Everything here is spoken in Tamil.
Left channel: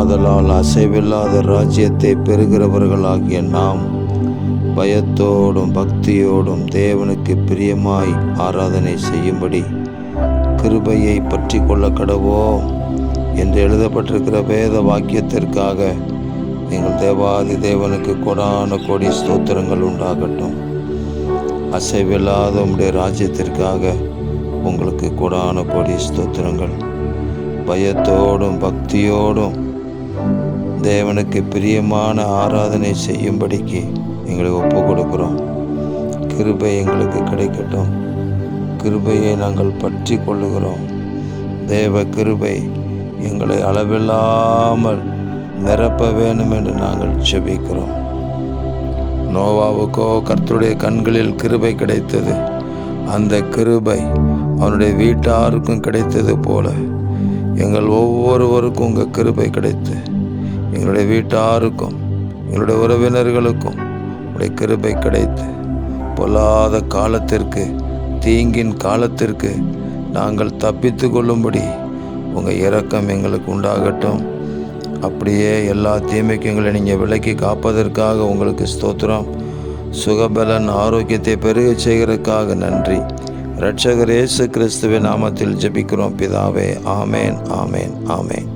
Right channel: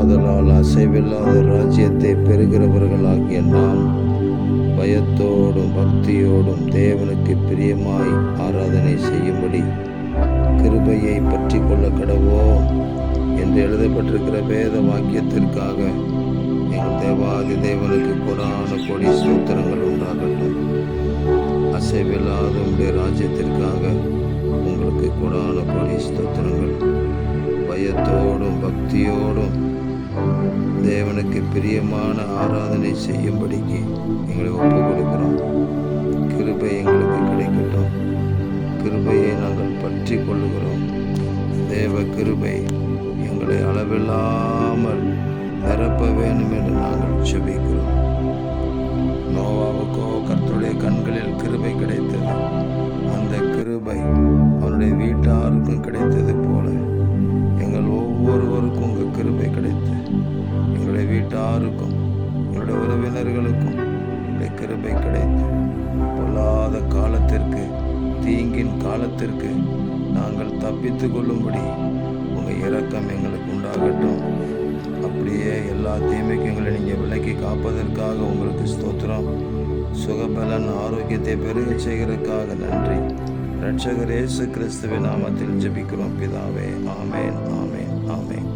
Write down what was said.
ஆதலால் அசைவில்லாத ராஜ்யத்தை பெறுகிறவர்களாகிய நாம் பயத்தோடும் பக்தியோடும் தேவனுக்கு பிரியமாய் ஆராதனை செய்யும்படி கிருபையை பற்றி கொள்ள கடவோம் என்று எழுதப்பட்டிருக்கிற வேத வாக்கியத்திற்காக எங்கள் தேவாதி தேவனுக்கு கொடான கோடி ஸ்தோத்திரங்கள் உண்டாகட்டும். அசைவில்லாத உம்முடைய ராஜ்யத்திற்காக உங்களுக்கு கொடான கோடி ஸ்தோத்திரங்கள். பயத்தோடும் பக்தியோடும் தேவனுக்கு பிரியமான ஆராதனை செய்யும்படிக்கு எங்களை ஒப்பு கொடுக்கிறோம். கிருபை எங்களுக்கு கிடைக்கட்டும். கிருபையை நாங்கள் பற்றி கொள்ளுகிறோம். தேவ கிருபை எங்களை அளவில்லாமல் நிரப்ப வேண்டும் என்று நாங்கள் ஜெபிக்கிறோம். நோவாவுக்கோ கர்த்தருடைய கண்களில் கிருபை கிடைத்தது. அந்த கிருபை அவனுடைய வீட்டாருக்கும் கிடைத்தது போல எங்கள் ஒவ்வொருவருக்கும் உங்கள் கிருபை கிடைத்து எங்களுடைய வீட்டாருக்கும் எங்களுடைய உறவினர்களுக்கும் உடைய கிருபை கிடைத்து பொல்லாத காலத்திற்கு தீங்கின் காலத்திற்கு நாங்கள் தப்பித்து கொள்ளும்படி உங்கள் இரக்கம் எங்களுக்கு உண்டாகட்டும். அப்படியே எல்லா தீமைக்கும் எங்களை நீங்கள் விலக்கி காப்பதற்காக உங்களுக்கு ஸ்தோத்திரம். சுகபலன் ஆரோக்கியத்தை பெருக செய்கிறதுக்காக நன்றி. இரட்சகர் இயேசு கிறிஸ்துவின் நாமத்தில் ஜெபிக்கிறோம் பிதாவே. ஆமேன், ஆமேன், ஆமேன்.